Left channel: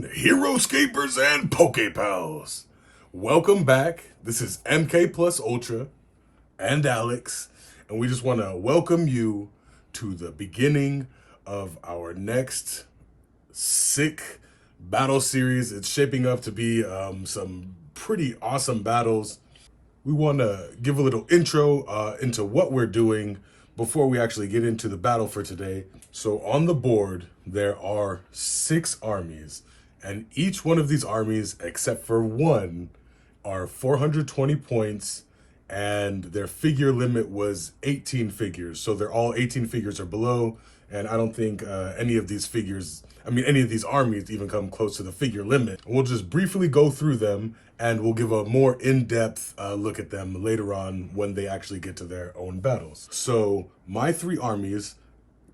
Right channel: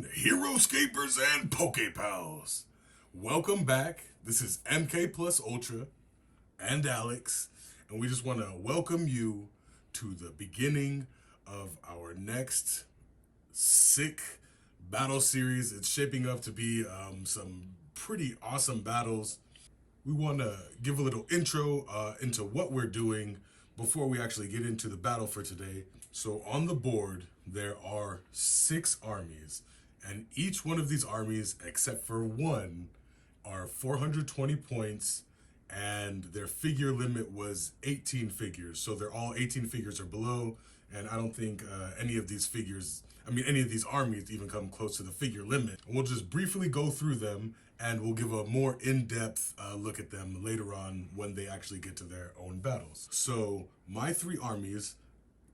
gentlemen, Heroscapers and Pokepals. Welcome back. This is MK Plus Ultra and Alex, and we just want to welcome you to the beginning of our next sick battle series. It's shaping up to be some pretty awesome battles. We want to give a little intro into what we're doing before we actually get into the battle for today. So on the board, there are 6 armies, and each one of these armies, except for one, are 420 points, and their figure limit was 18 figures. So they're all 18 figures or below, and I don't think any of these armies even come close to the figure limit. We'll just briefly go through them, and we'll give a more in-depth look at them later on when they actually get to their own battles. So my 3 armies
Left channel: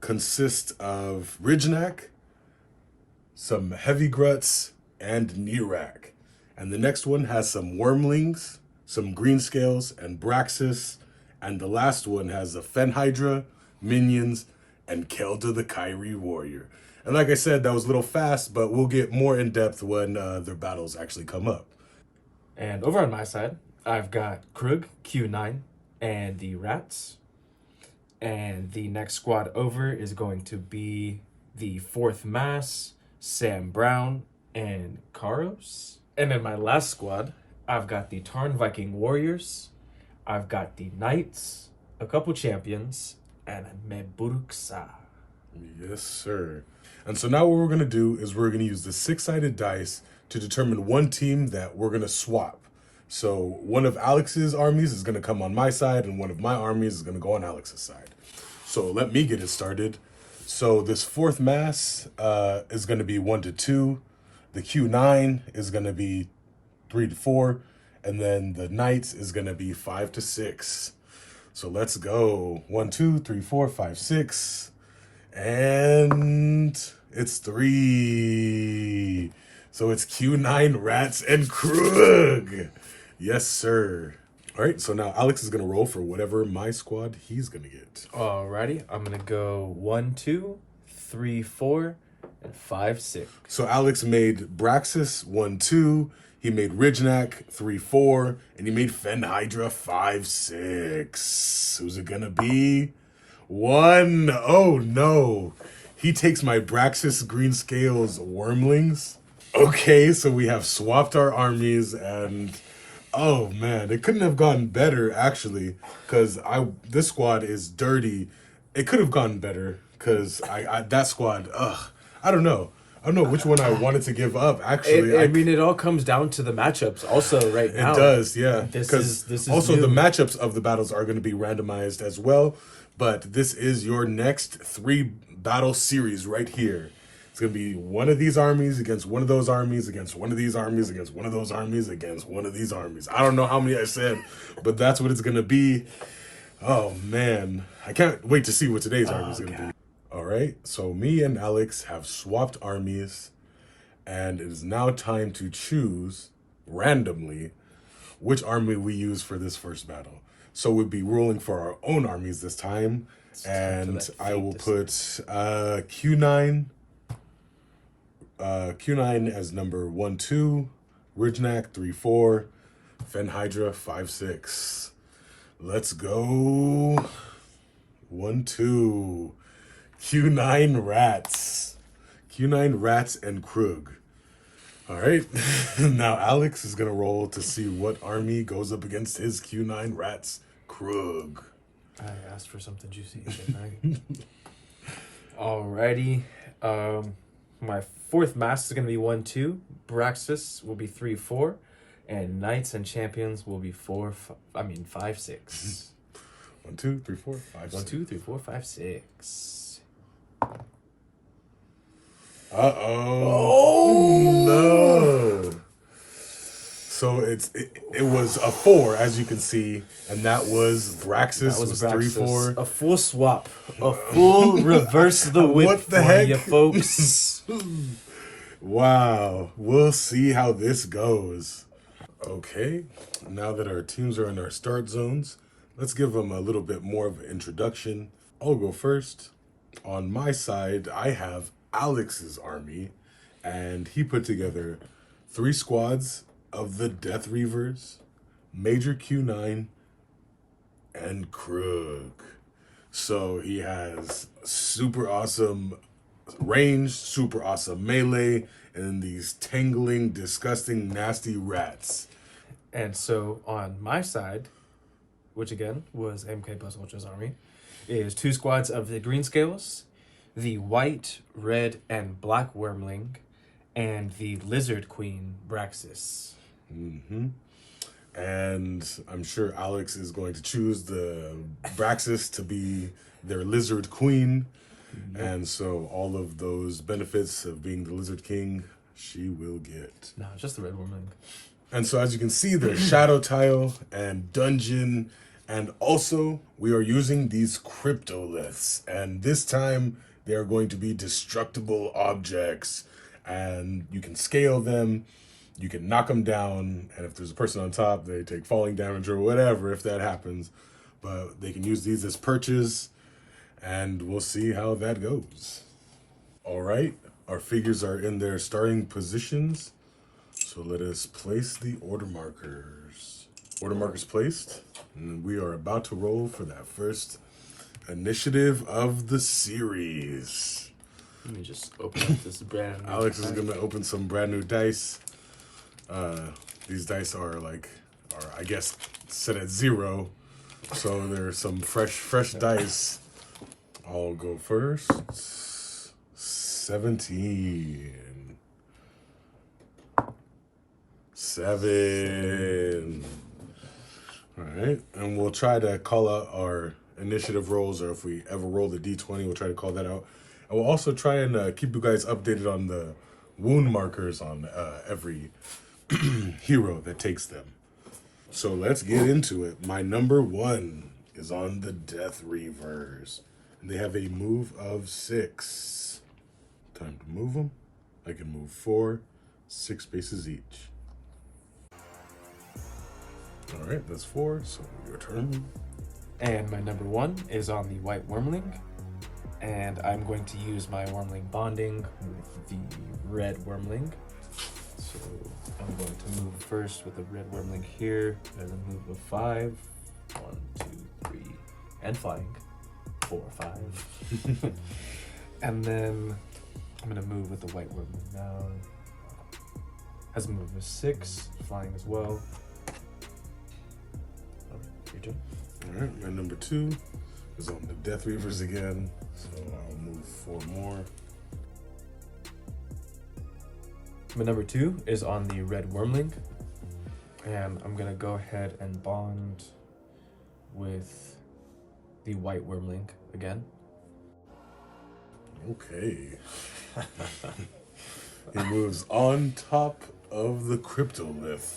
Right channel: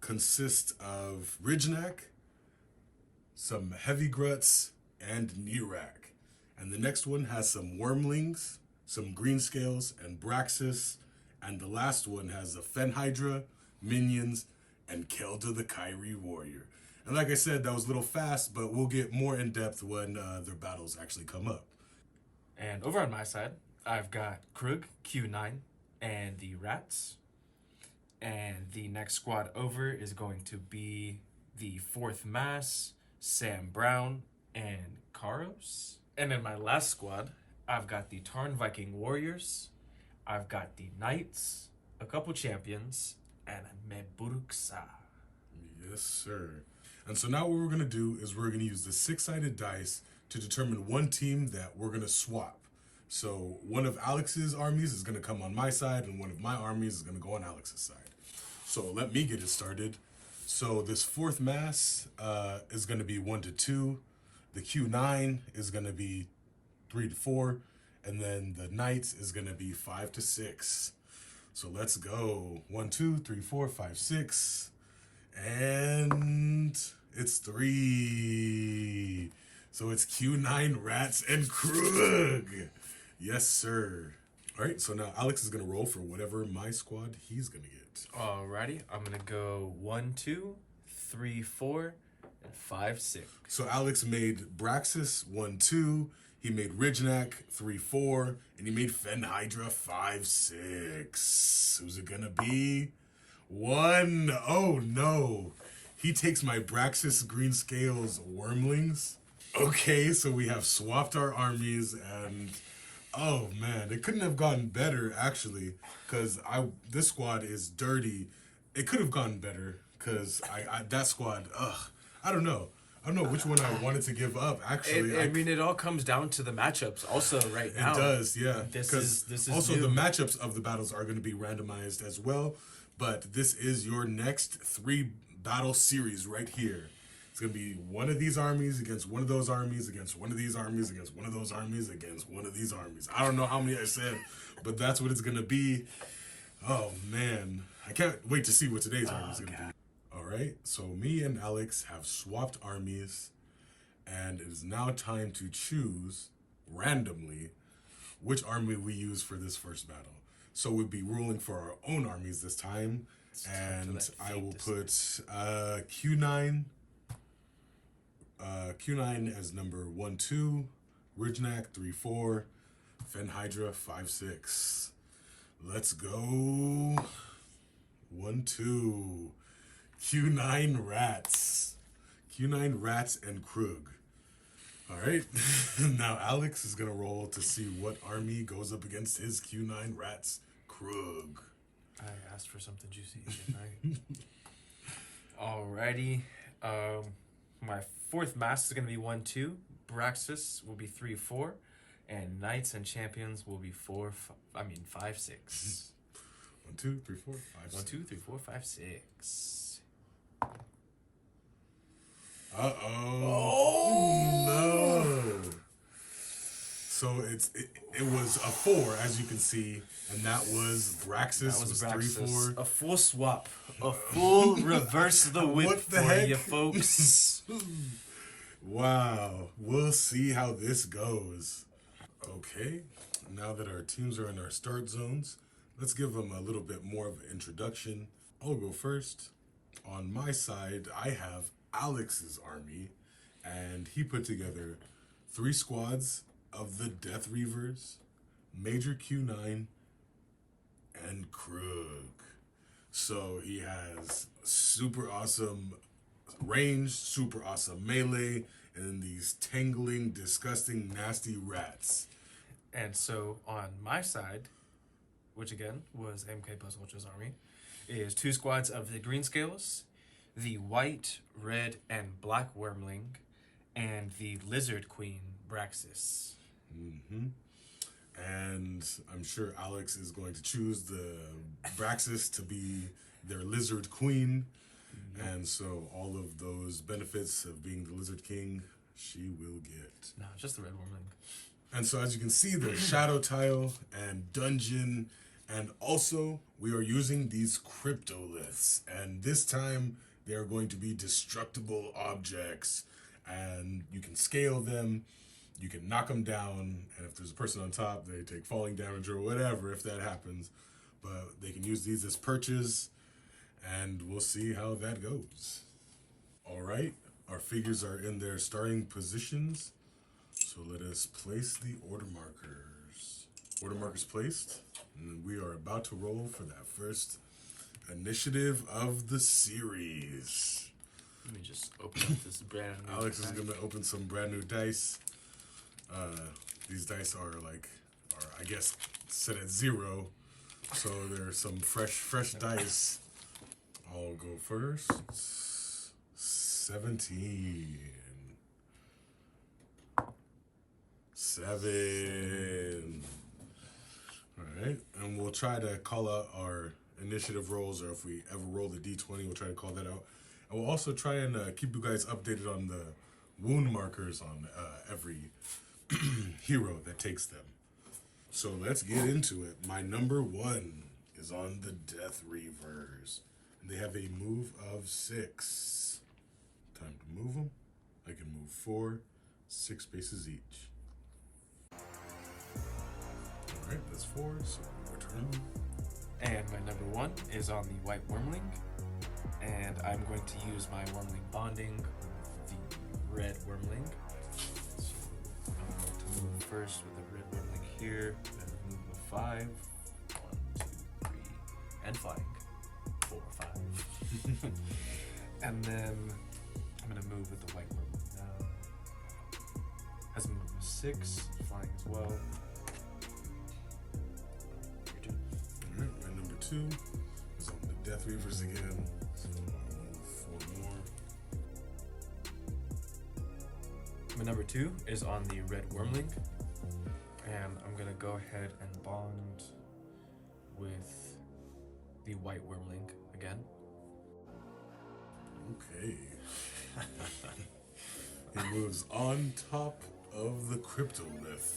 consist of Ridgenak, some Heavy Gruts, and Nerak. And the next one has some Wormlings, some Greenscales, and Braxis. And the last one has a Fenhydra, Minions, and Kelda the Kyrie Warrior. And like I said, that was a little fast, but we'll get more in depth when their battles actually come up. And over on my side, I've got Krug, Q9, and the Rats. And the next squad over is going to be the 4th Mass, Sam Brown, and Karos. And in my last squad, I've got the Tarn Viking Warriors, I've got the Knights, a couple champions, and a Meburuksa. Yes, sir. And so now what we're going to do is we're going to use the 6-sided dice to determine one team that we're going to swap. So one of Alex's armies is going to come on my side, and one of my armies is going to go on Alex's side. So let me get it started. So this 4th Mass is going to be 1 to 2. The Q9 is going to be 3 to 4. And then the Knights is going to be 5 to 6. So let's go. 1, 2, 3, 4, 5, 6. And it's 3. So it's Q9, Rats, and Krug. Yes, sir. All right, so now Alex is going to roll for whatever my squad he's going to get. Alrighty, I'm going to go 1, 2, 3, 4, and 5, 6. So Alex made Braxis 1, 2. He made Ridgenak 3, 4. And he made Fenhydra 5, 6. Who's it going to be? 1. Oh, no. He takes my Braxis Greenscales Wormlings. Okay, so we have swapped our armies, and oh man, it couldn't have gone better actually, because this squad is dirty. It could have gone better because that squad. I don't know which one I wanted to give up. Actually, I mean, it all comes down to the matchups. Also, right now, it does, yeah. This is also new. The matchups of the battles are going to be randomized as well. But this is your next 3 battle series right here. It's going to be one of these armies against one of those armies, against one of these armies, against one of those armies, against one of these armies. I don't know how many I said, but that's what it's going to be. Oh, man. I can't wait to see what today's army is going to be. All right. So me and Alex have swapped armies, and it is now time to choose randomly which army we use for this first battle. So we'll be ruling for our own armies this time, and I will put Q9 as number 1, 2, Ridgenak 3, 4, Fenhydra 5, 6. Let's go. 1, 2, Q9 Rats. Q9 Rats and Krug. All right. Now Alex is going to roll to see what army goes up against his Q9 Rats Krug. I asked for something juicy, didn't I? Alrighty. My 4th Mass is going to be 1, 2. Braxis will be 3, 4. And Knights and Champions will be 5, 6. 1, 2, 3, 4, 5, 1, 2, 3, 4, 5, 6. Oh no! So it was a 4, as you can see, and that was Braxis. Was 3, 4. A full swap, a full reverse the whip What the for heck? you folks. Wow, we'll see how this goes. Okay, now that our teams are in our start zones, let's give them a little bit more of an introduction. I'll go first. On my side, I have Alex's army, and he put together 3 squads of the Death Reavers, Major Q9, and Krug. So he has super awesome range, super awesome melee, and these tangling, disgusting, nasty rats. And so on my side, which again was MK plus Ultra's army, is 2 squads of the Green Scales, the White, Red, and Black Wormling, and the Lizard Queen Braxis. Mm-hmm. And I'm sure Alex is going to choose the Braxis to be their Lizard Queen. Yep. And so all of those benefits of being the Lizard King, she will get. No, just the Red Wormling. And so as you can see, there's Shadow Tile and Dungeon. And also, we are using these cryptoliths. And this time, they are going to be destructible objects. And you can scale them. You can knock them down, and if there's a person on top, they take falling damage or whatever if that happens. But they can use these as perches, and we'll see how that goes. All right, our figures are in their starting positions, so let us place the order markers. Order markers placed, and we are about to roll for that first initiative of the series. Let me just open up this brand new Alex is gonna open some brand new dice. These dice are I guess set at 0, so there's some fresh dice. I'll go first. 17. 7. All right, and we'll try to call out our initiative rolls, or if we ever roll the D20, we'll try to call that out. And we'll also try and keep you guys updated on the wound markers on every hero that takes them. So let's get into it. My number 1 is on the Death Reavers. And they have a move of 6. Time to move them. I can move 4, 6 spaces each. All right, that's 4, so your turn. And my number 1 is on the White Wormling. And I'm going to use my Wormling bonding with the Red Wormling. So I'm going to move first with the Red Wormling here, and then move with 5. 1, 2, 3, and flying. 4, 5. And then I'm going to move with the White Wormling now. Has a move of 6, flying as well. Your turn. All right, my number 2 is on the Death Reavers again, so I'll move 4 more. My number 2 is on the Red Wormling, and I'm gonna go ahead and bond with the White Wormling again. Okay. He moves on top of the Cryptolith,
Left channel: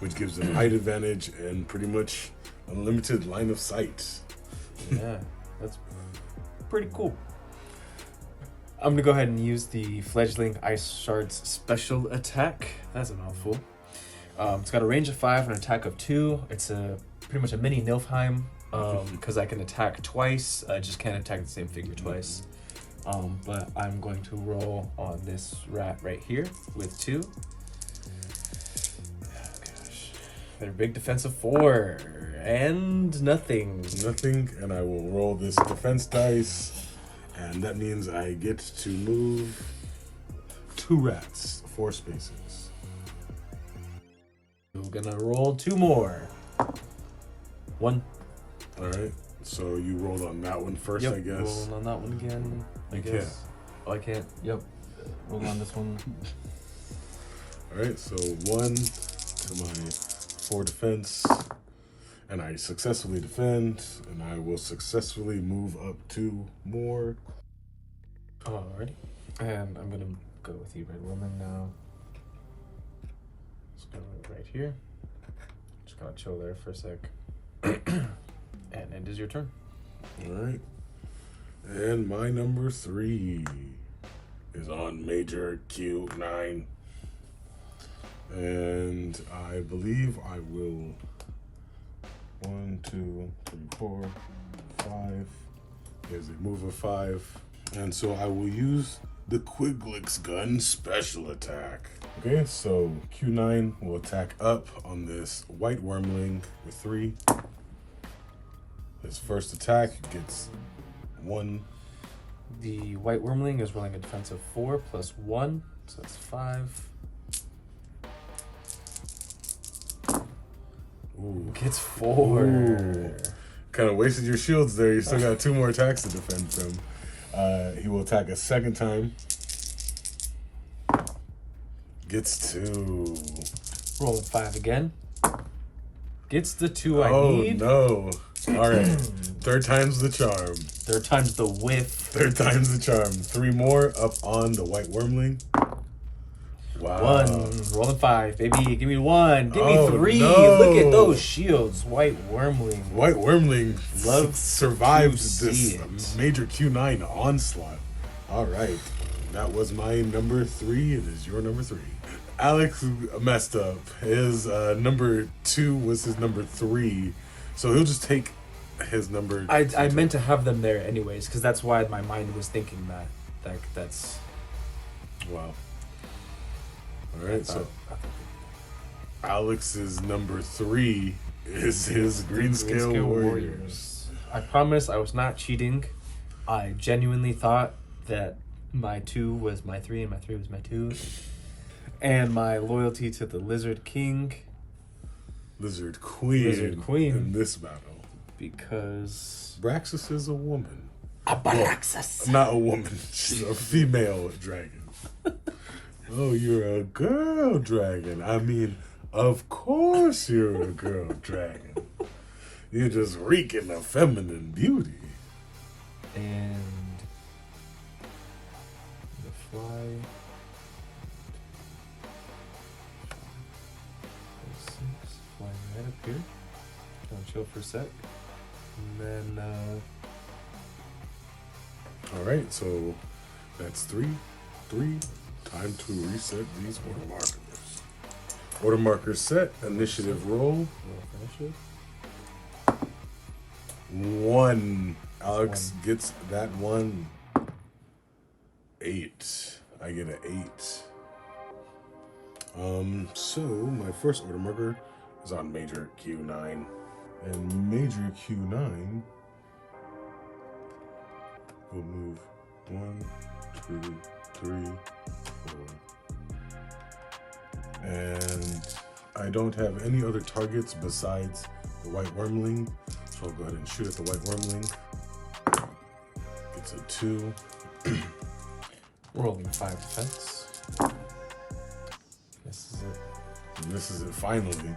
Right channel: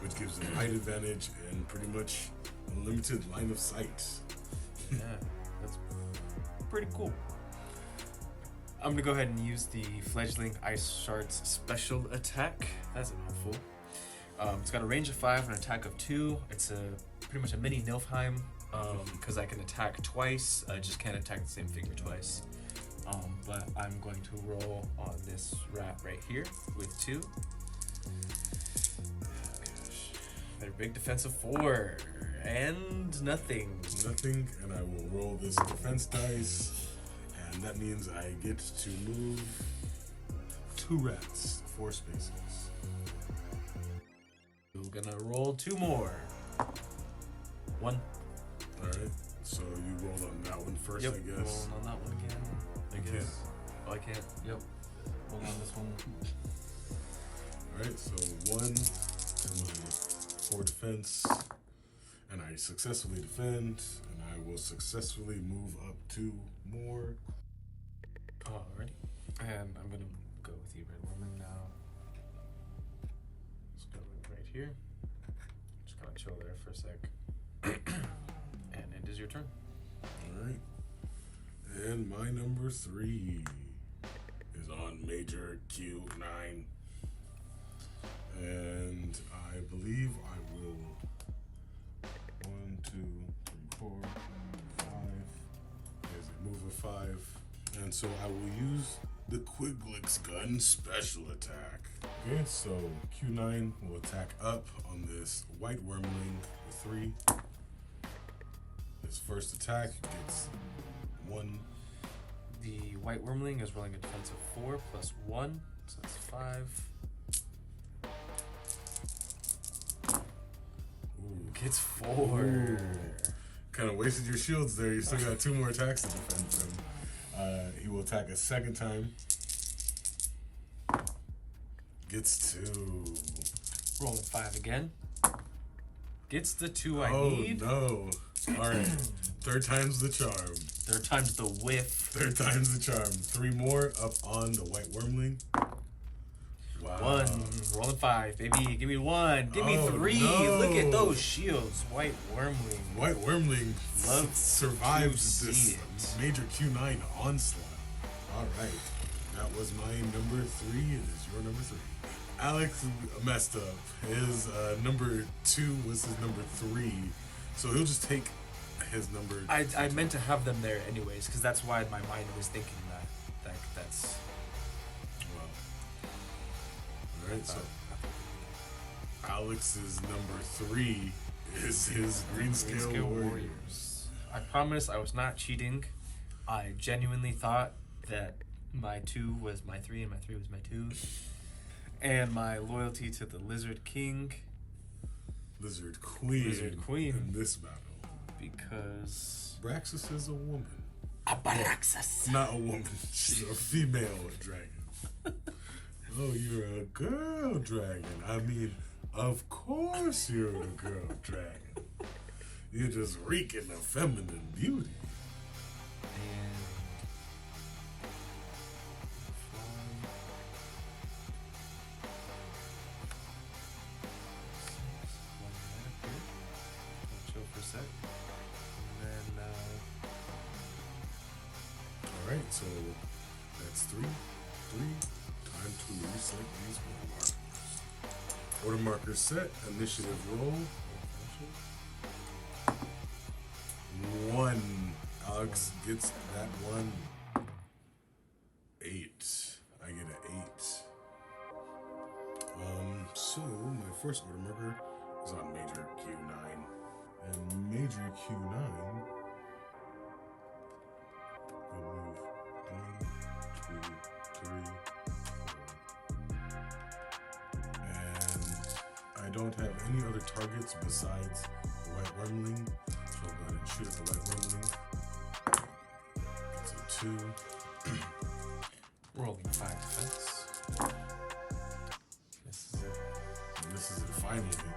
which gives him height advantage and pretty much unlimited line of sight. Yeah, that's pretty cool. I'm gonna go ahead and use the Fledgling Ice Shard's special attack. That's a mouthful. It's got a range of 5 and an attack of 2. It's pretty much a mini Nilfheim, because I can attack twice. I just can't attack the same figure twice. But I'm going to roll on this rat right here with 2. Their big defense of 4 and nothing. Nothing, and I will roll this defense dice, and that means I get to move 2 rats, 4 spaces. We're gonna roll 2 more. 1. All right, so you rolled on that one first, Yep, I guess. rolling on that one again. I guess. Can't. Oh, I can't. Yep. Roll on this one. All right, so 1 to my 4 defense, and I successfully defend, and I will successfully move up 2 more. Alrighty. And I'm gonna go with the Red Woman now. Just gonna move right here. Just gonna chill there for a sec. And it is your turn. All right, and my number 3 is on Major Q9. And I believe I will 1, 2, 3, 4, 5. There's a move of 5. And so I will use the Quiglix gun special attack. Okay, so Q9 will attack up on this white wormling with 3. His first attack gets 1. The white wormling is rolling a defense of 4 plus 1, so that's 5. Ooh. Gets 4. Kind of wasted your shields there. You still got 2 more attacks to defend from. He will attack a second time. Gets 2. Rolling 5 again. Gets the 2 I need. Oh, no. All right. Third time's the charm. Third time's the whiff. Third time's the charm. 3 more up on the white wormling. Wow. 1. Rolling 5, baby. Give me 1. Give me 3. No. Look at those shields. White wormling. White wormling survived to this see it. major Q9 onslaught. All right. That was my number 3. It is your number 3. Alex messed up. His number 2 was his number 3. So he'll just take his number. I meant to have them there anyways, because that's why my mind was thinking that's. Wow. All right, so Alex's number 3 is his Green Scale Warriors. I promise I was not cheating. I genuinely thought that my 2 was my 3 and my 3 was my 2. And my loyalty to the Lizard King. Lizard Queen in this battle. Because Braxis is a woman. Abraxas. Not a woman. She's a female dragon. Oh, you're a girl dragon. I mean, of course you're a girl dragon. You're just reeking of feminine beauty. And the fly. 6, flying right up here. Gonna chill for a sec. And then All right, so that's 3. Time to reset these order markers. Order markers set. Initiative roll. we'll finish it. 1. Alex gets that 1. 8. I get an 8. So my first order marker is on Major Q9. And Major Q9 will move 1, 2, 3, 4. And I don't have any other targets besides the white wormling. So I'll go ahead and shoot at the white wormling. Gets a 2. Rolling 5 defense. This is it. And this is it finally.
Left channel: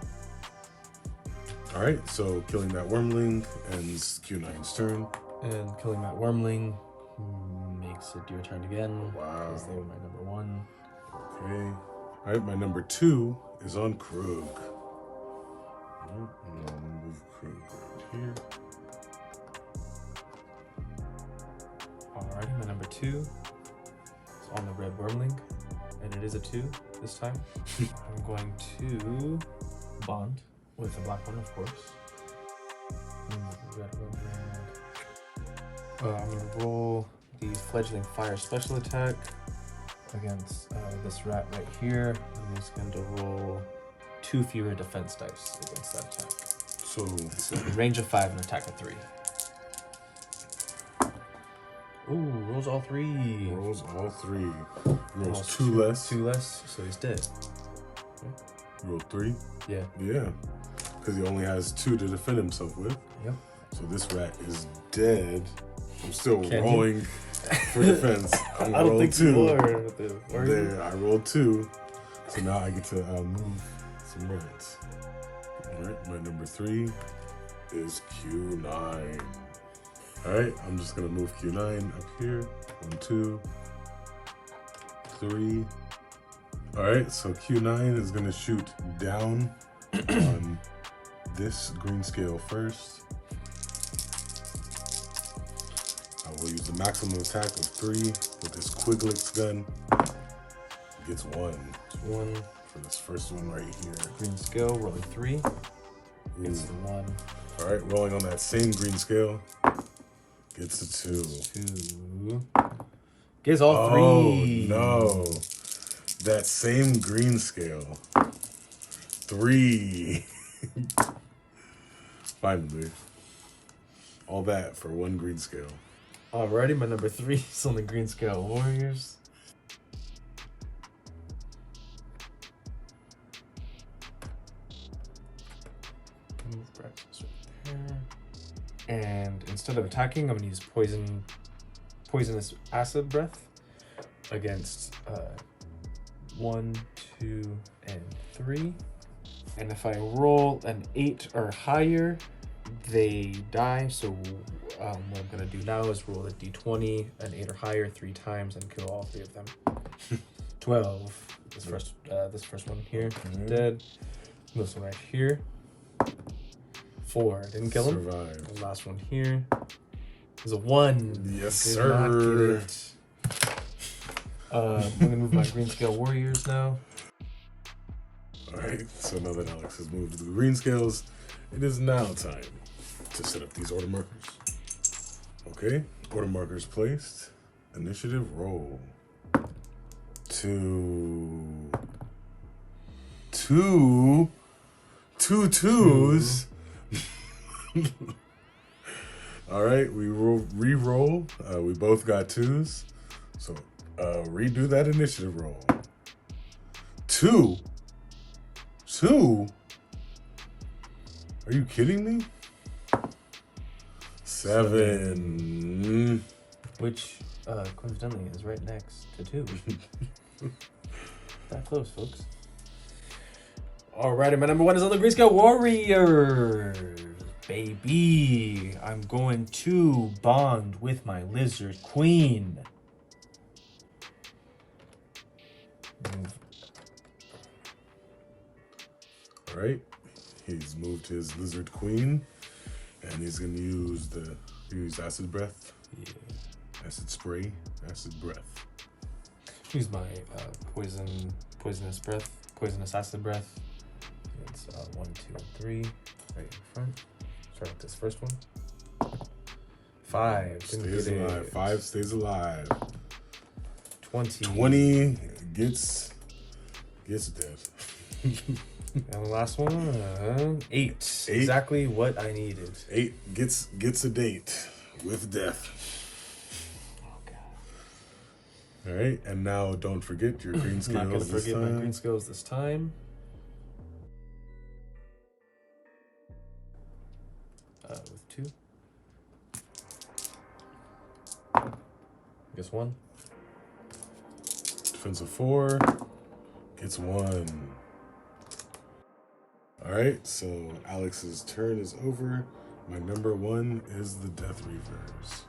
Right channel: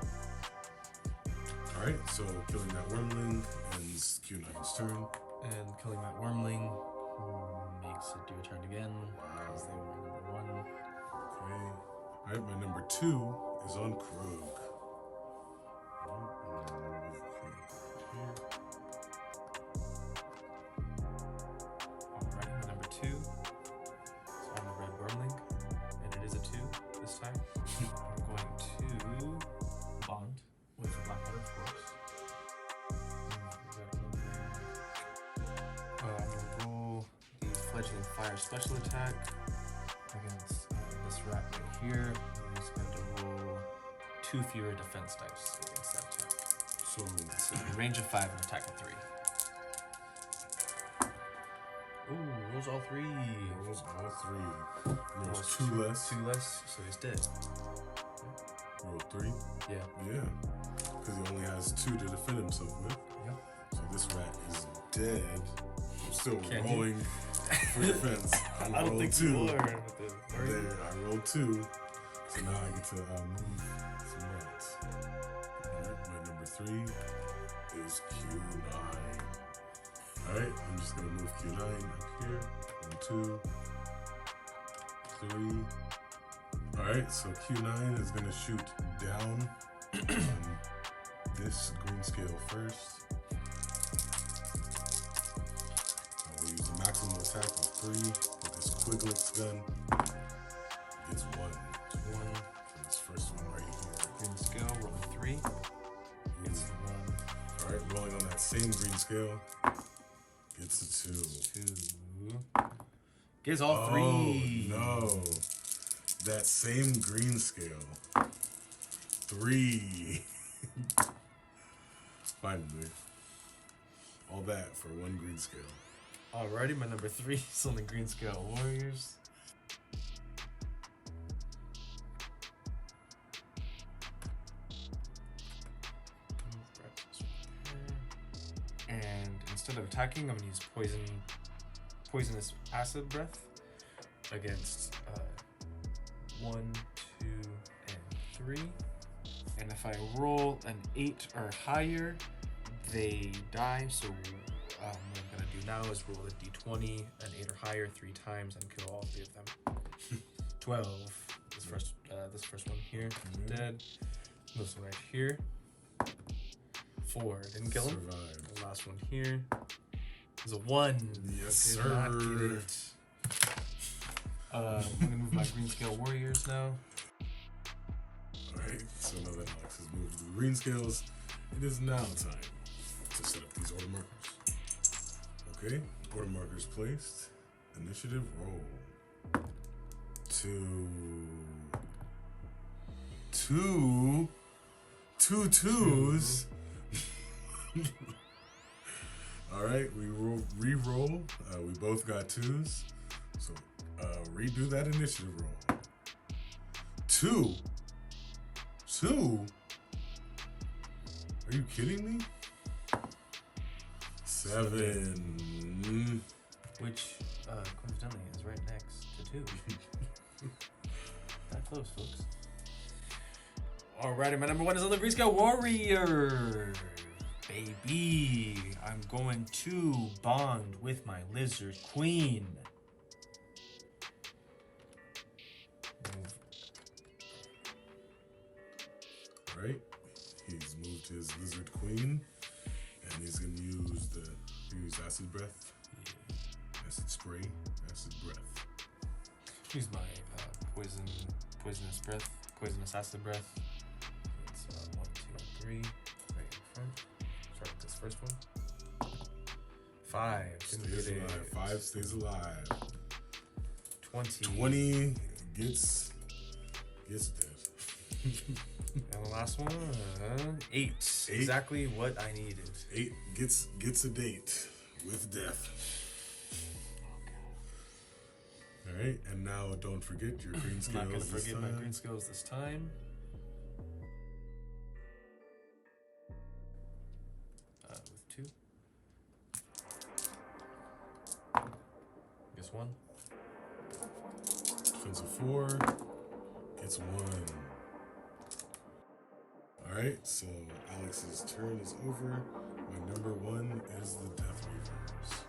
Alright, so killing that wormling ends Q9's turn. And killing that wormling makes it your turn again. Wow. Because they were my number 1. Okay. Alright, my number 2 is on Krug. Alright, and I'll move Krug right here. Alrighty, my number 2 is on the red wormling. And it is a 2 this time. I'm going to bond with the black one, of course. Red wormling. I'm going to roll the fledgling fire special attack against this rat right here. I'm just going to roll 2 fewer defense dice against that attack. So range of 5 and attack of 3. Ooh, rolls all 3. Rolls all 3. Rolls 2 less. 2 less, so he's dead. Okay. Roll 3. Yeah. Yeah. Because he only has 2 to defend himself with. Yep. So this rat is dead. I'm still Can rolling for defense. I'm I don't think 2. you are. With the, are you? There, I rolled 2. So now I get to move some rats. Alright, my number 3 is Q9. Alright, I'm just gonna move Q9 up here. 1, 2, 3. Alright, so Q9 is gonna shoot down on this green scale first. I will use the maximum attack of 3 with this Quiglix gun. Gets 1. It's 1. For this first one right here. Green scale, rolling 3. Gets the 1. Alright, rolling on that same green scale. Gets a 2. 2. Gives all three. No. That same green scale. 3. Finally. All that for 1 green scale. Alrighty, my number 3 is on the green scale warriors. And instead of attacking, I'm gonna use poisonous acid breath against 1, 2, and 3. And if I roll an 8 or higher, they die. So what I'm gonna do now is roll a d20, an 8 or higher 3 times, and kill all 3 of them. 12. This first one here, dead. This one right here. 4. Didn't kill him. Survived. The last one here is a 1. Yes, Did sir. not get it. I'm gonna move my green scale warriors now. Alright, so now that Alex has moved to the green scales, it is now time to set up these order markers. Okay, order markers placed. Initiative roll. 2. 2 twos. Alright, we re-roll. We both got 2s. So redo that initiative roll. 2. Are you kidding me? 7. Which, coincidentally, is right next to 2. That close, folks. Alrighty, my number 1 is on the green scale warriors. Baby, I'm going to bond with my lizard queen. Alright, he's moved his lizard queen, and he's gonna use acid breath. Yeah. Acid spray, acid breath. Use my poisonous acid breath. It's 1, 2, and 3, right in front. Start with this first one. 5. Stays alive. 5 stays alive. 20. 20 gets dead. And the last one, 8. Exactly what I needed. 8 gets a date with death. Oh god. All right, and now don't forget your green scales. I'm not gonna forget my green scales this time. With 2. Guess 1. Defensive 4 gets 1. All right, so Alex's turn is over. My number 1 is the Death Reavers.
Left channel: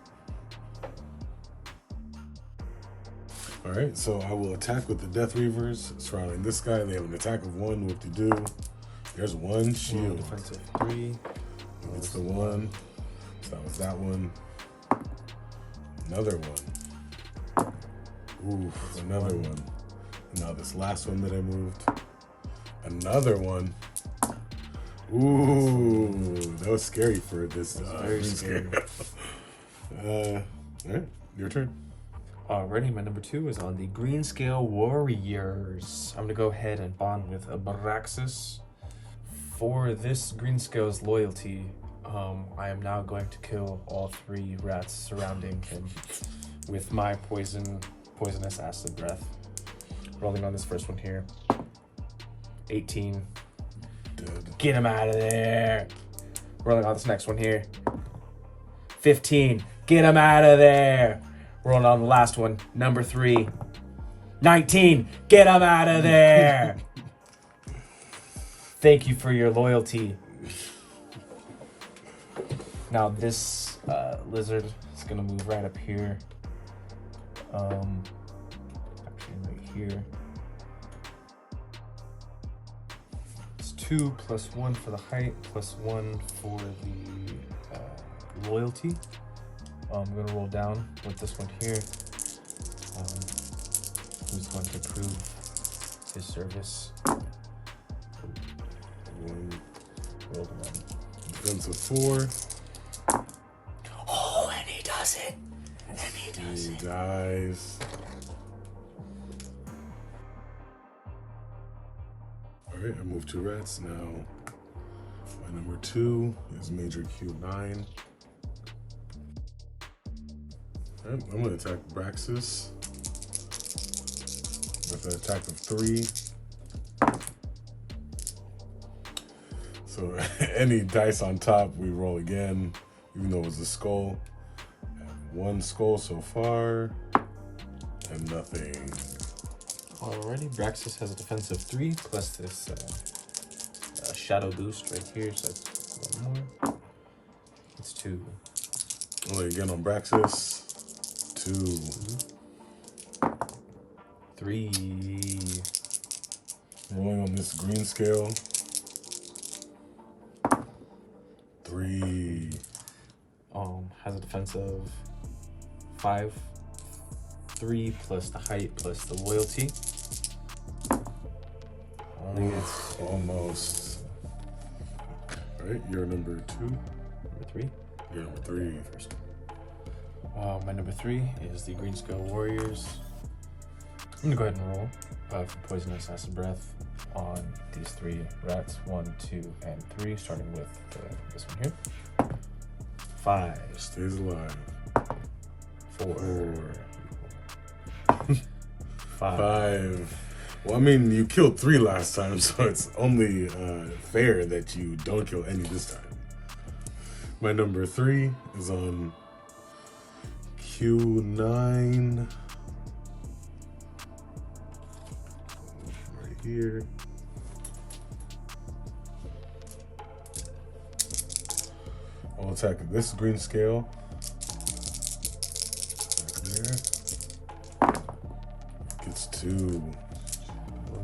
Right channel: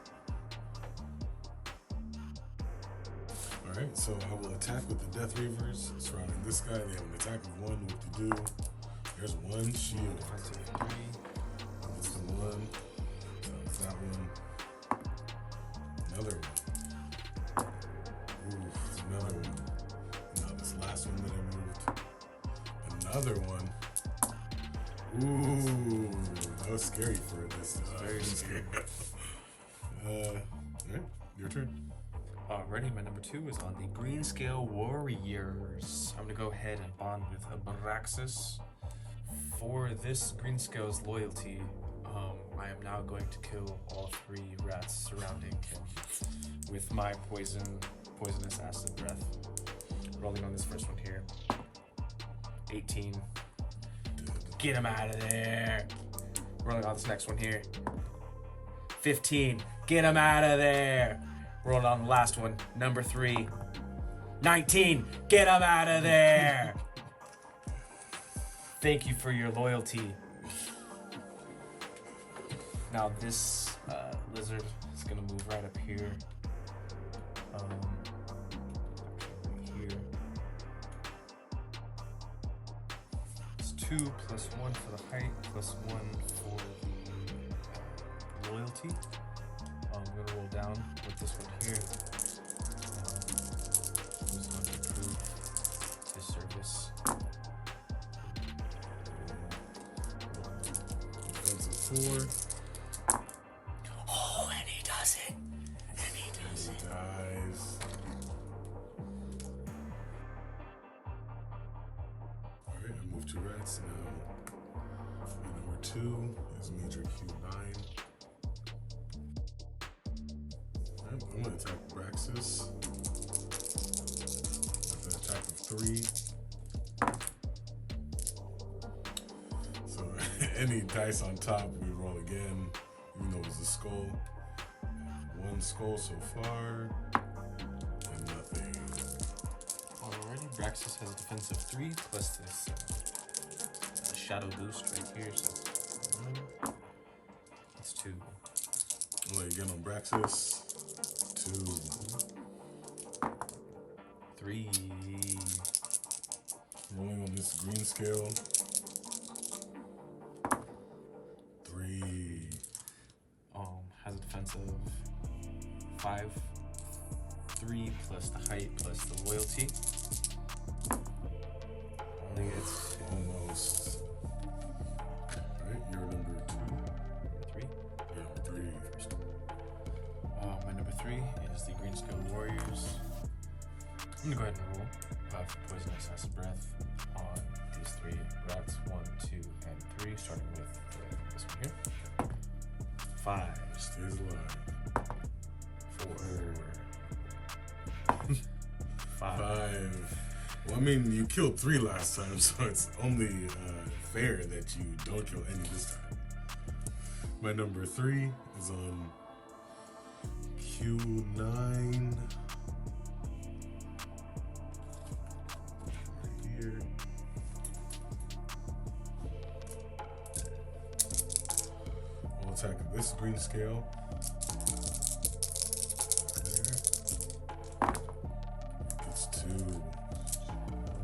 All right, so I will attack with the Death Reavers surrounding this guy. They have an attack of 1. Whoop-de-doo. There's 1 shield. Defensive 3. It's the 1. So that was that one. Another 1. Ooh, another 1. Now this last one that I moved. Another 1. Ooh, that was scary for this. Very scary. All right, your turn. Alrighty, my number 2 is on the green scale warriors. I'm gonna go ahead and bond with Abraxas. For this green scale's loyalty, I am now going to kill all 3 rats surrounding him with my poisonous acid breath. Rolling on this first one here. 18. Dead. Get him out of there. Rolling on this next one here. 15. Get him out of there. Rolling on the last one, number 3. 19. Get him out of there. Thank you for your loyalty. Now this lizard is gonna move right up here. Actually right here. It's 2 plus 1 for the height, plus 1 for the loyalty. I'm gonna roll down with this one here. Who's going to prove his service? Roll 1. Defensive 4. Oh, and he does it. And he does He it. dies. with 2 rats. Now, my number 2 is Major Q9. Alright, I'm going to attack Braxis with an attack of 3. So any dice on top, we roll again, even though it was a skull. I have 1 skull so far, and nothing. Alrighty, Braxis has a defense of 3 plus this shadow boost right here, so that's 1 more. It's 2. Only again on Braxis. 2. 3. Rolling on this green scale. 3. Has a defense of 5. 3 plus the height plus the loyalty. Only gets almost. Alright, you're number 2. number 3. You're number 3. First. My number 3 is the Green Scale Warriors. I'm gonna go ahead and roll for Poisonous Acid Breath on these 3 rats. 1, 2, and 3, starting with this one here. 5. Stays alive. 4. 5. 5. Well, I mean, you killed 3 last time, so it's only fair that you don't kill any this time. My number 3 is on Q9. Right here. I'll attack this green scale. There. Gets 2.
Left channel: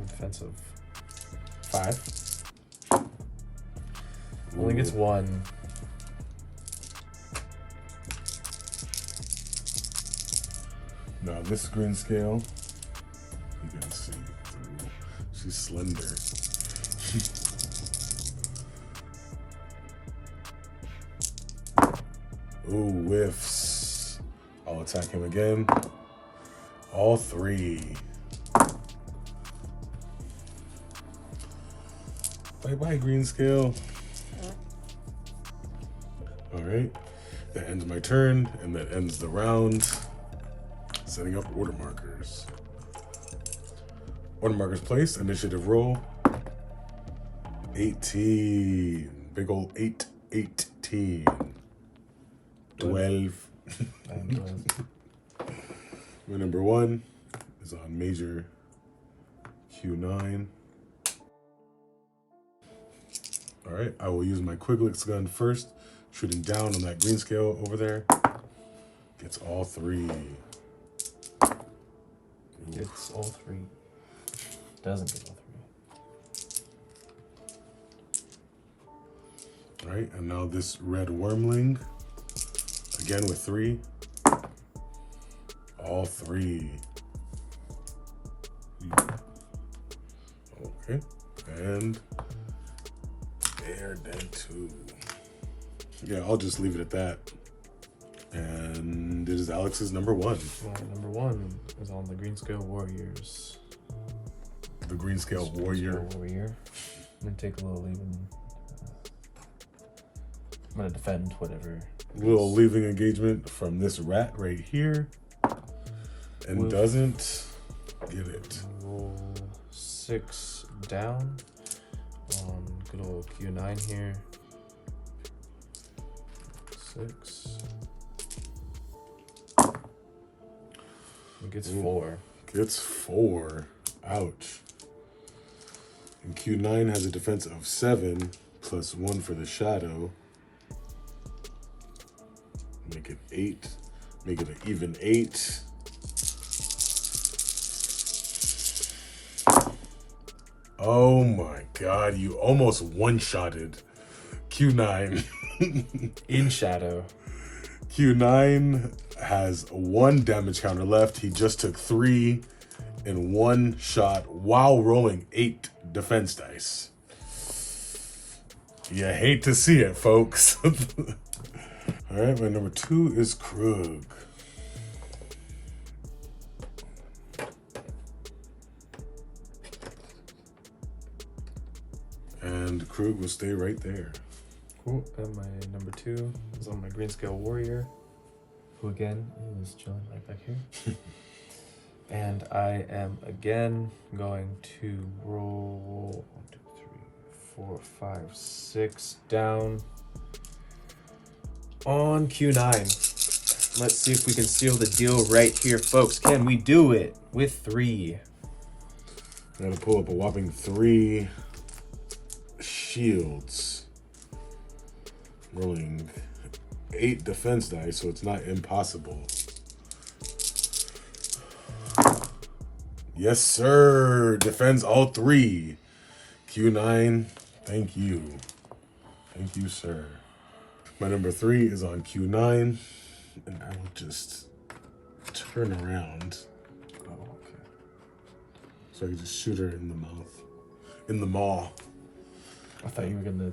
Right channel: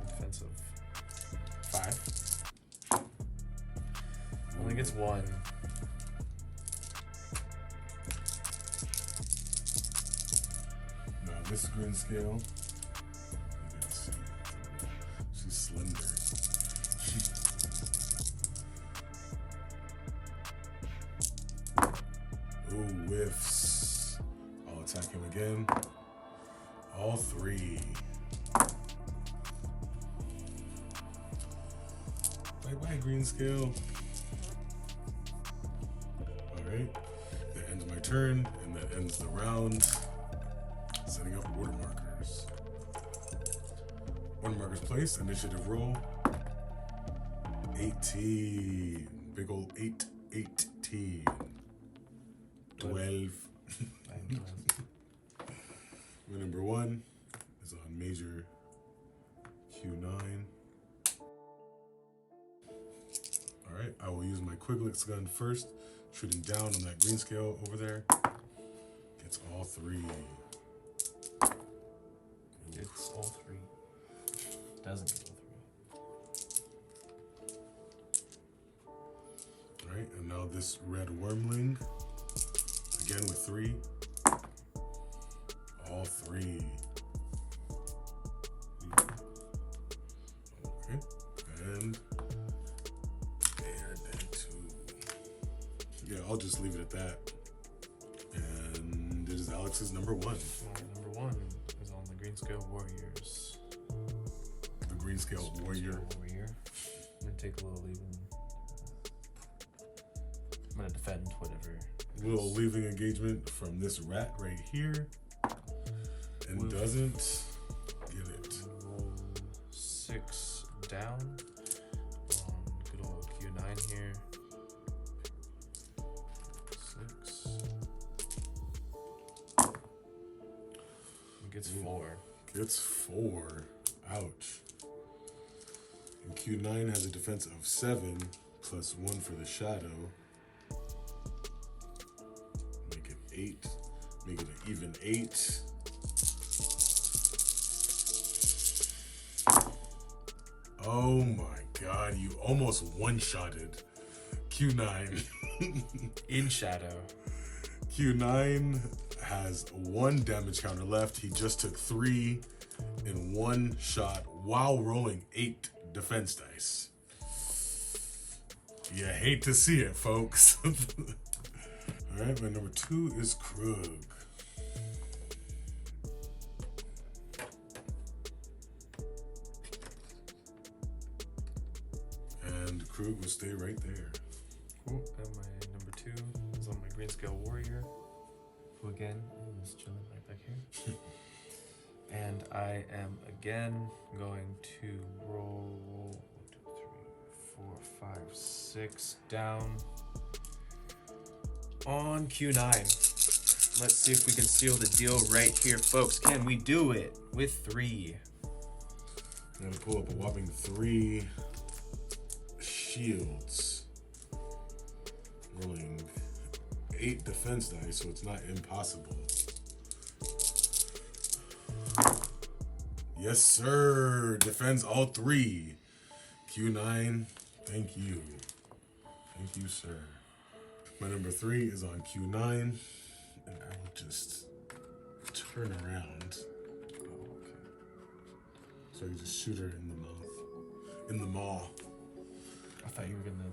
Defensive 5. Only gets 1. Now this green scale, you can see through. She's slender. Ooh, whiffs. I'll attack him again. All 3. Bye-bye, green scale. All right, that ends my turn, and that ends the round. Setting up order markers. Order markers placed, initiative roll. 18. Big old 8, 18. 12. My number 1 is on Major Q9. All right, I will use my Quiglix gun first, shooting down on that green scale over there. Gets all 3. Gets all 3. Doesn't get all 3. All right, and now this red wormling, again with 3. All 3. Okay, and they're dead too. Yeah, I'll just leave it at that. And it is Alex's number 1. Number 1 is on the Green Scale Warriors. The Green Scale Warrior. Warrior. I'm gonna take a little leaving. I'm gonna defend whatever. Little leaving engagement from this rat right here. And doesn't get it. Roll 6 down on good old Q9 here. 6. It gets 4. Gets 4. Ouch. And Q9 has a defense of 7 plus 1 for the shadow. Make it 8. Make it an even 8. Oh my god, you almost one-shotted Q9. In shadow. Q9 has 1 damage counter left. He just took 3 in 1 shot while rolling 8 defense dice. You hate to see it, folks. All right, my number 2 is Krug. Krug will stay right there. Cool. And my number 2 is on my green scale warrior, who again is chilling right back here. And I am again going to roll 1, 2, 3, 4, 5, 6 down on Q9. Let's see if we can seal the deal right here, folks. Can we do it with 3? Gotta pull up a whopping 3 shields. Rolling 8 defense dice, so it's not impossible. Yes, sir. Defends all 3. Q9, thank you. Thank you, sir. My number 3 is on Q9, and I will just turn around. Oh, okay. So I can just shoot her in the mouth. In the maw. I thought you were gonna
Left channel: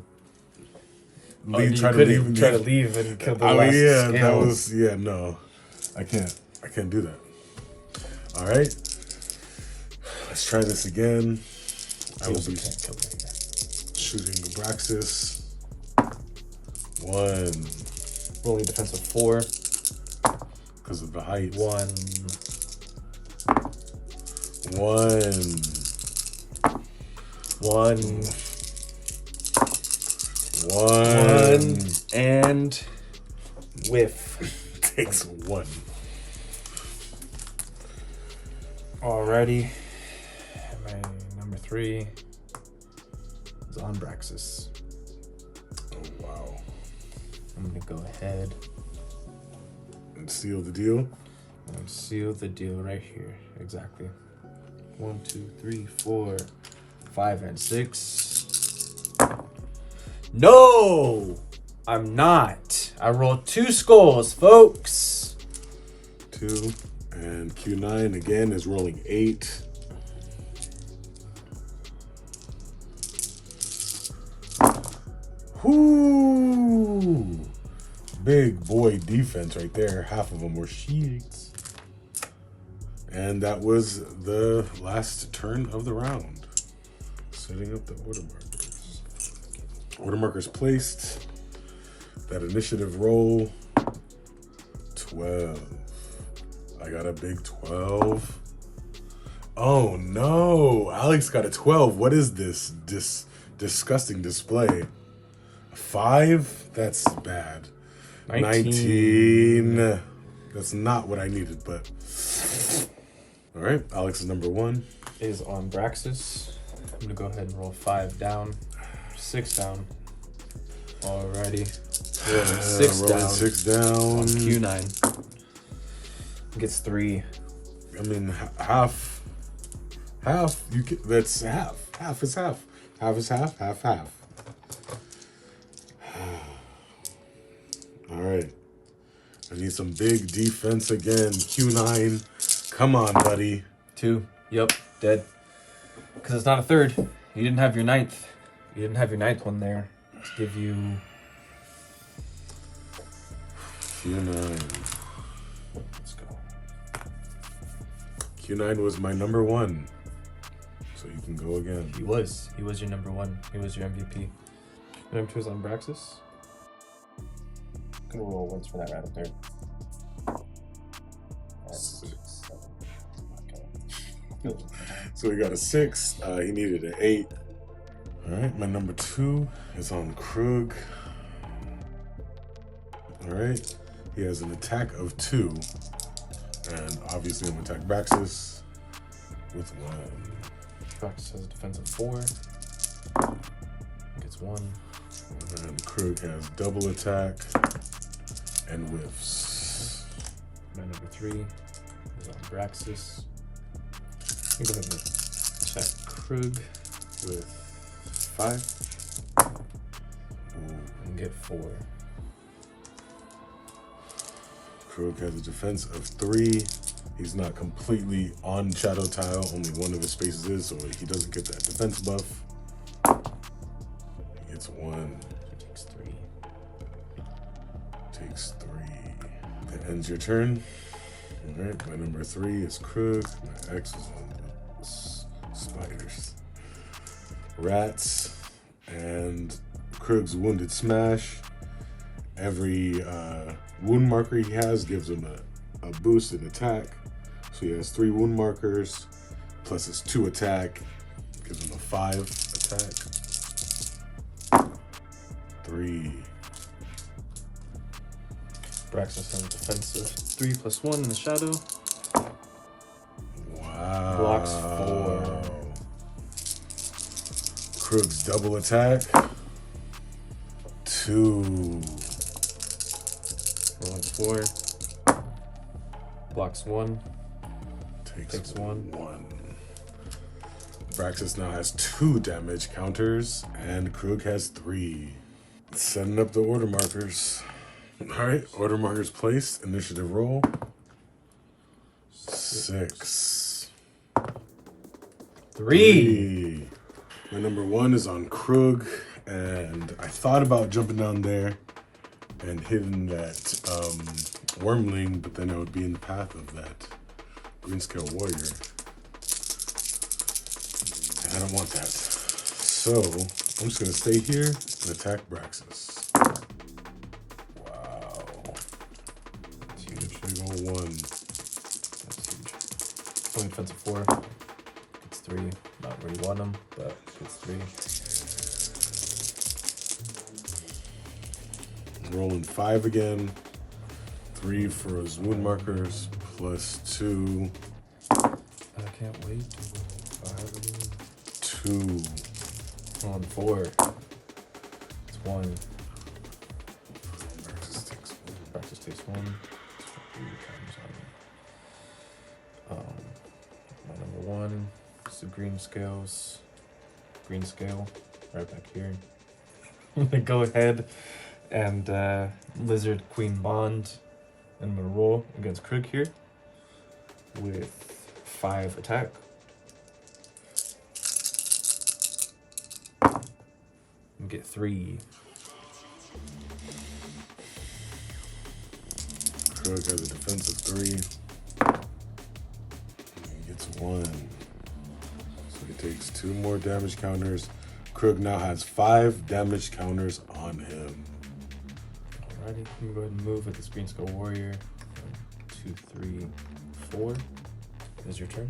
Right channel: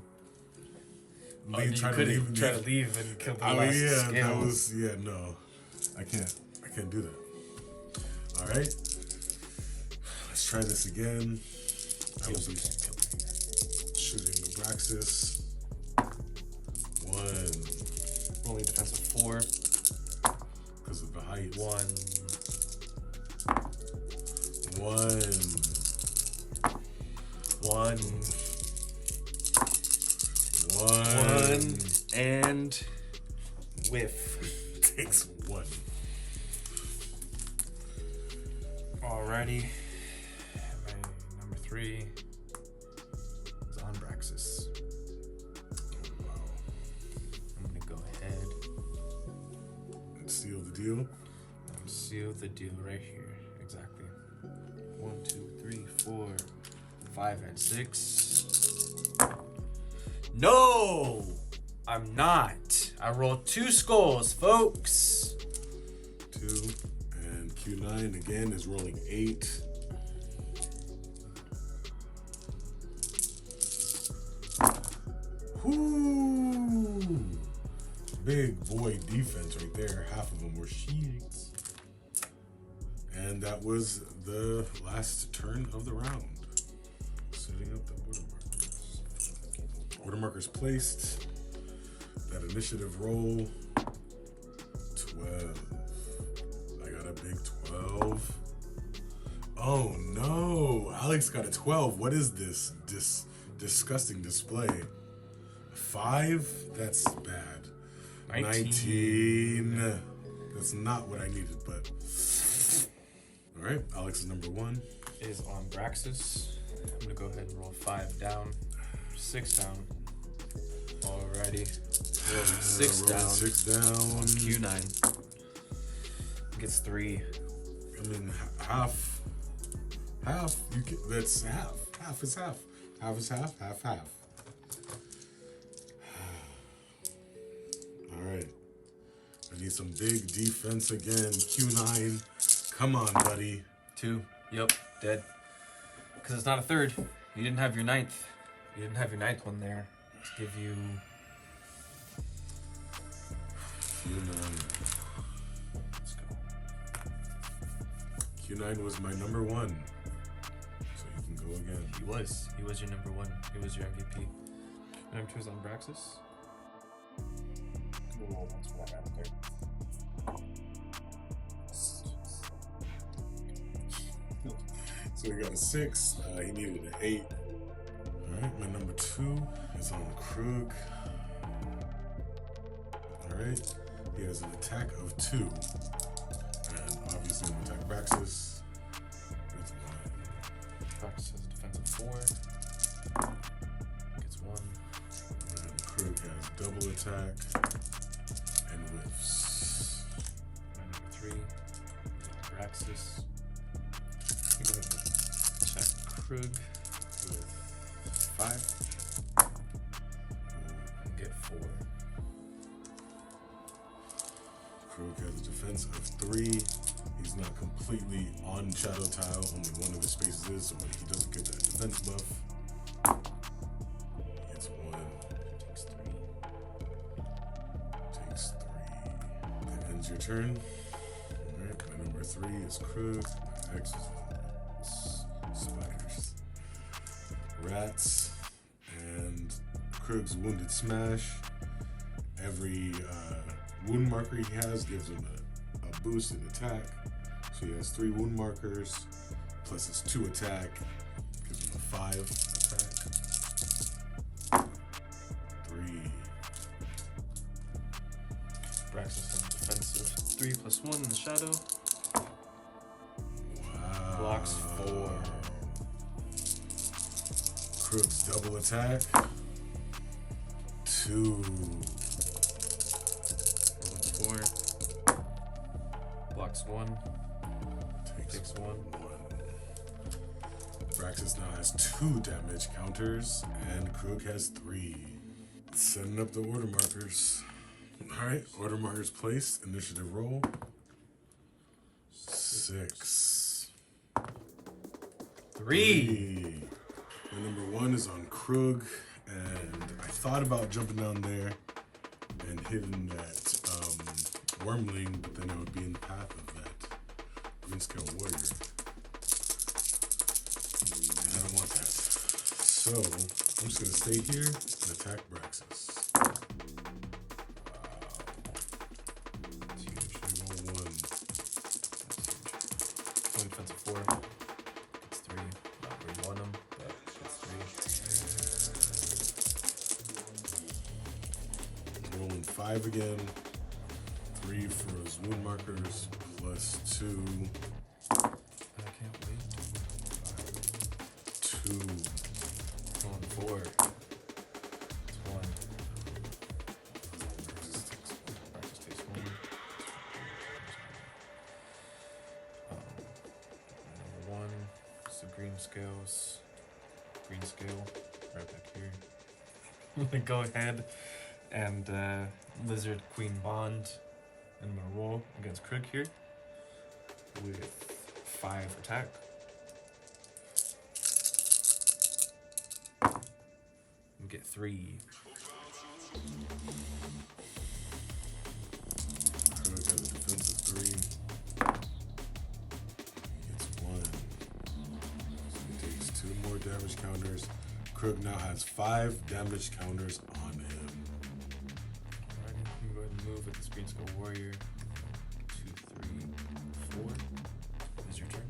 Try to leave and kill the I last mean, yeah, scale. that was, yeah, no. I can't do that. All right. Let's try this again. I will be shooting Abraxas. 1. Rolling defensive 4. Because of the height. 1. 1 and whiff. Takes 1. Alrighty. My number 3 is on Braxis. Oh, wow. I'm gonna go ahead And seal the deal. and seal the deal right here. Exactly. 1, 2, 3, 4, 5, and 6. No! I'm not. I rolled 2 skulls, folks. 2. And Q9 again is rolling 8. Whoo! Big boy defense right there. Half of them were shields. And that was the last turn of the round. Setting up the order markers. Order markers placed. That initiative roll. 12. I got a big 12. Oh no, Alex got a 12. What is this disgusting display? 5? That's bad. 19. That's not what I needed, but all right. Alex is number 1. Is on Braxis. I'm gonna go ahead and roll 5 down, 6 down. Alrighty. Rolling 6 rolling down. 6 down. On Q9. Gets 3. I mean, half. You can, that's half. Half is half. Half is half. Half. All right. I need some big defense again. Q9. Come on, buddy. 2. Yep. Dead. Because it's not a 3rd. You didn't have your 9th. You didn't have your 9th one there to give you. Q9. Let's go. Q9 was my number 1. So you can go again. He was. He was your number 1. He was your MVP. Number 2 is on Braxis. I'm gonna roll once for that right up there. That's 6. Okay. So he got a 6. He needed an 8. All right, my number 2 is on Krug. All right, he has an attack of 2, and obviously I'm gonna attack Braxis with 1. Braxis has a defensive 4. Gets 1. And Krug has double attack and whiffs. My number 3 is on Braxis. I'm gonna attack Krug with 5 and get 4. Krug has a defense of 3. He's not completely on shadow tile. Only one of his spaces is, so he doesn't get that defense buff. He gets 1. Takes 3. Takes 3. That ends your turn. All right, my number 3 is Krug. My X is on spiders, rats, and Krug's Wounded Smash. Every wound marker he has gives him a boost in attack. So he has 3 wound markers, plus his 2 attack, gives him a 5 attack. 3. Braxis on defensive. 3 + 1 in the shadow. Wow. Blocks 4. Krug's double attack. 2. Rolling 4. Blocks 1. Takes 1. Braxis now has 2 damage counters, and Krug has 3. Setting up the order markers. Alright, order markers placed. Initiative roll. 6. 3. My number 1 is on Krug, and I thought about jumping down there and hitting that Wormling, but then I would be in the path of that Greenscale Warrior. And I don't want that. So, I'm just going to stay here and attack Braxis. Wow. That's huge. Should go 1. That's huge. Only defensive 4. It's 3. Not where you want them, but it's 3. Rolling 5 again. 3 for his wound markers, plus 2. I can't wait. 5. 2. Rolling 4. It's 1. Braxis takes 1. My number 1 is the green scales. Green scale, right back here. I'm gonna go ahead and Lizard Queen Bond. And I'm gonna roll against Krug here with 5 attack. And get 3. Krug has a defensive 3. He gets 1. So he takes 2 more damage counters. Krug now has 5 damage counters on him. Alrighty, I'm gonna go ahead and move with this Green Skull Warrior. 2, 3, 4. Is your turn.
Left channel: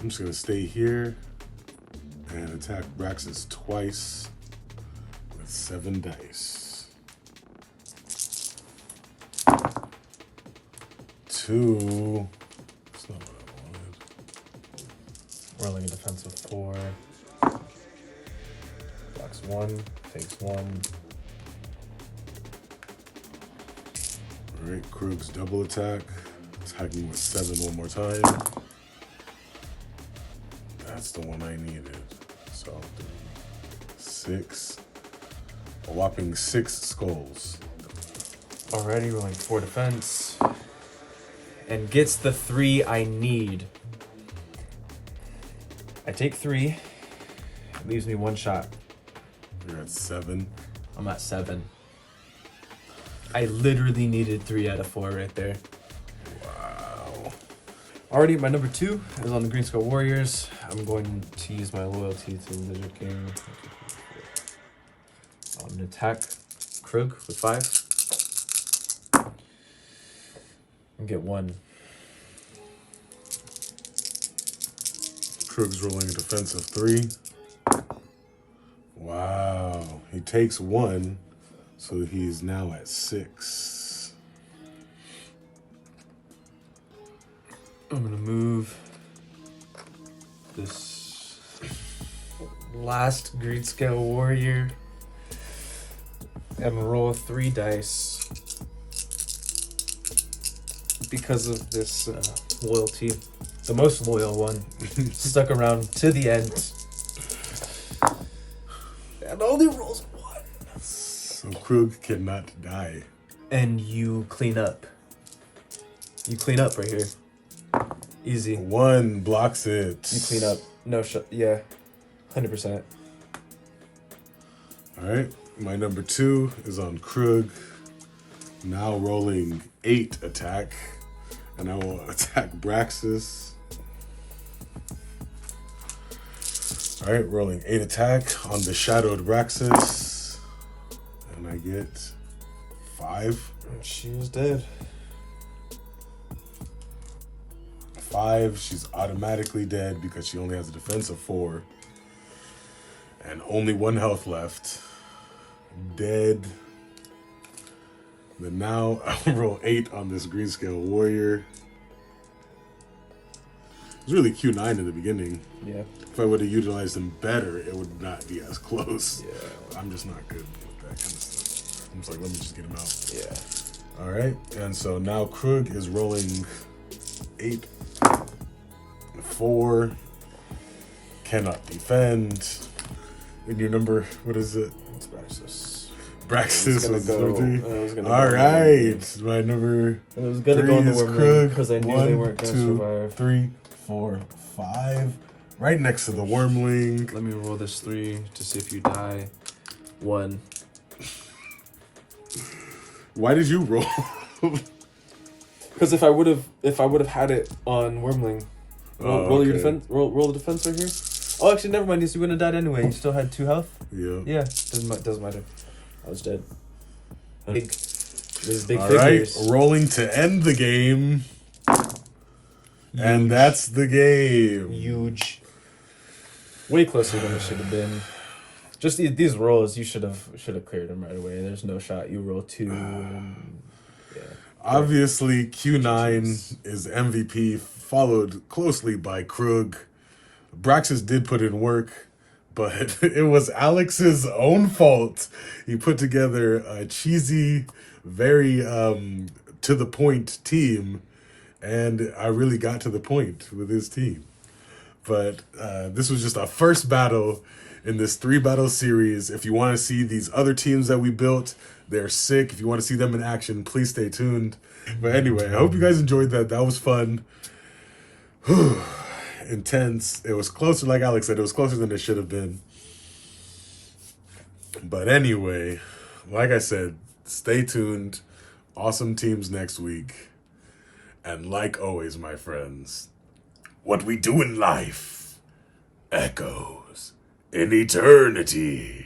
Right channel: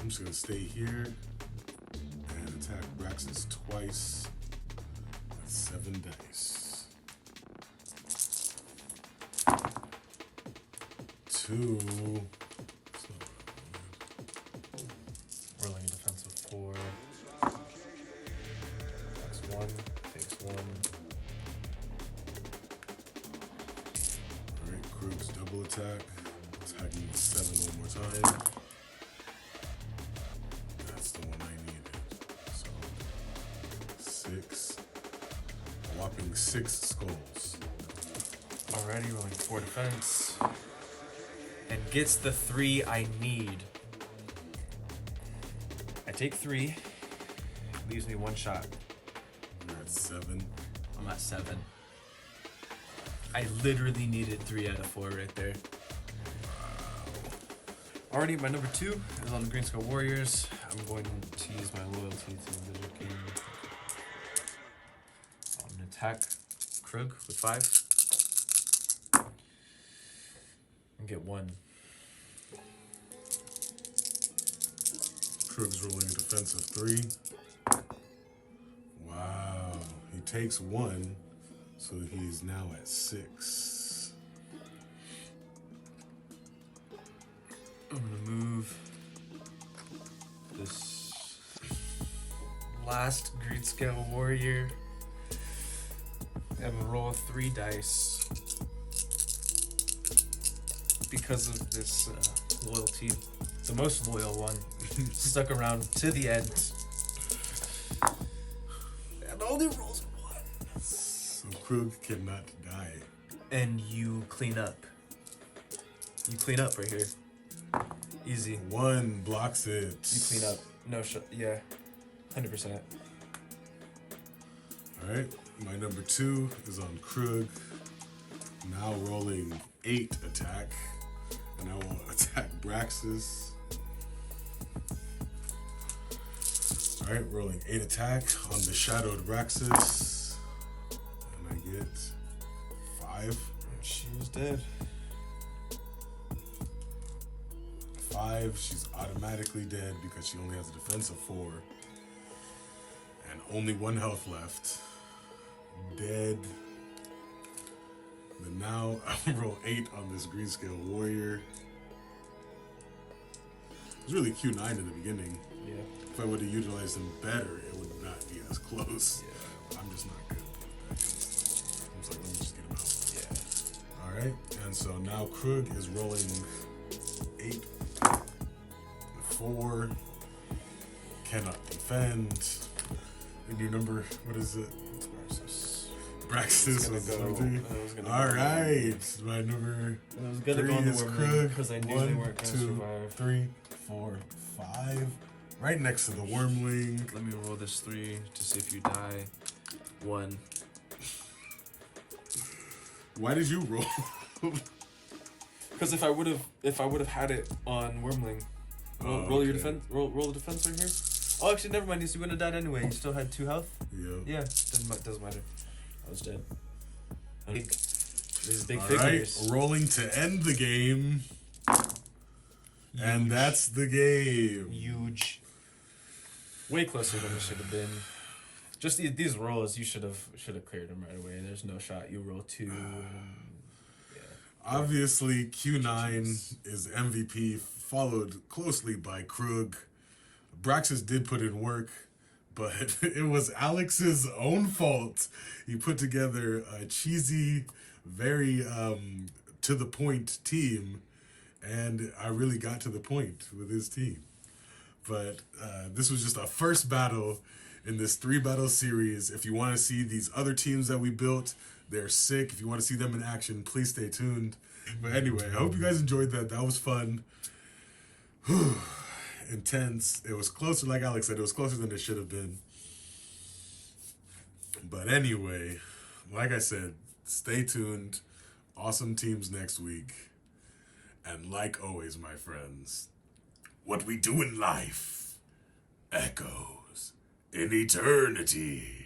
I'm just gonna stay here and attack Braxis twice with 7 dice. 2. That's not what I wanted. Rolling a defensive 4. Blocks 1, takes 1. Alright, Krug's double attack. Attacking with 7 one more time. That's the one I needed. So, 6. A whopping 6 skulls. Alrighty, rolling 4 defense. And gets the 3 I need. I take 3. It leaves me 1 shot. You're at 7. I'm at 7. I literally needed 3 out of 4 right there. Wow. Alrighty, my number 2 is on the Green Skull Warriors. I'm going to use my loyalty to Lizard King. I'm going to attack Krug with 5. And get 1. Krug's rolling a defensive 3. Wow. He takes 1, so he's now at 6. I'm gonna move this last Green Scale Warrior and roll 3 dice because of this loyalty. The most loyal one. Stuck around to the end. And only rolls 1. So Krug cannot die. And you clean up. You clean up right here. Easy. 1 blocks it. You clean up. No shot. Yeah. 100%. Alright, my number 2 is on Krug. Now rolling 8 attack. And I will attack Braxis. Alright, rolling 8 attack on the Shadowed Braxis. get 5. She is dead. 5. She's automatically dead because she only has a defense of 4. And only 1 health left. Dead. Then now I'll roll 8 on this green scale warrior. It was really Q9 in the beginning. Yeah. If I would have utilized him better, it would not be as close. Yeah. I'm just not good with that kind of stuff. I'm just like, let me just get him out. Yeah. All right. And so now Krug is rolling 8, 4. Cannot defend. And your number, what is it? It's Braxis. Braxis was go. number 3. Go All right. My number It was gonna 3 go in the is Wormling Krug. because I knew 1, they weren't gonna 2, survive. 3, 4, 5. Right next to the Wormling. Let me roll this 3 to see if you die. 1. Why did you roll? Because if I would have had it on Wormling, roll your okay. defense. Roll the defense right here. Oh, actually, never mind. You wouldn't have died anyway. You still had 2 health. Yeah. Yeah, doesn't matter. I was dead. These big All figures. right, rolling to end the game. And Huge. that's the game. Huge. Way closer than it should have been. Just these rolls, you should have cleared them right away. There's no shot. You roll 2. Yeah. Obviously, Q9 is MVP, followed closely by Krug. Braxis did put in work, but it was Alex's own fault. He put together a cheesy, very to the point team, and I really got to the point with his team. But this was just our first battle in this 3-battle series. If you want to see these other teams that we built, they're sick. If you want to see them in action, please stay tuned. But anyway, I hope you guys enjoyed that. That was fun. Intense. It was closer, like Alex said, it was closer than it should have been. But anyway, like I said, stay tuned. Awesome teams next week. And like always, my friends, what we do in life echoes in eternity.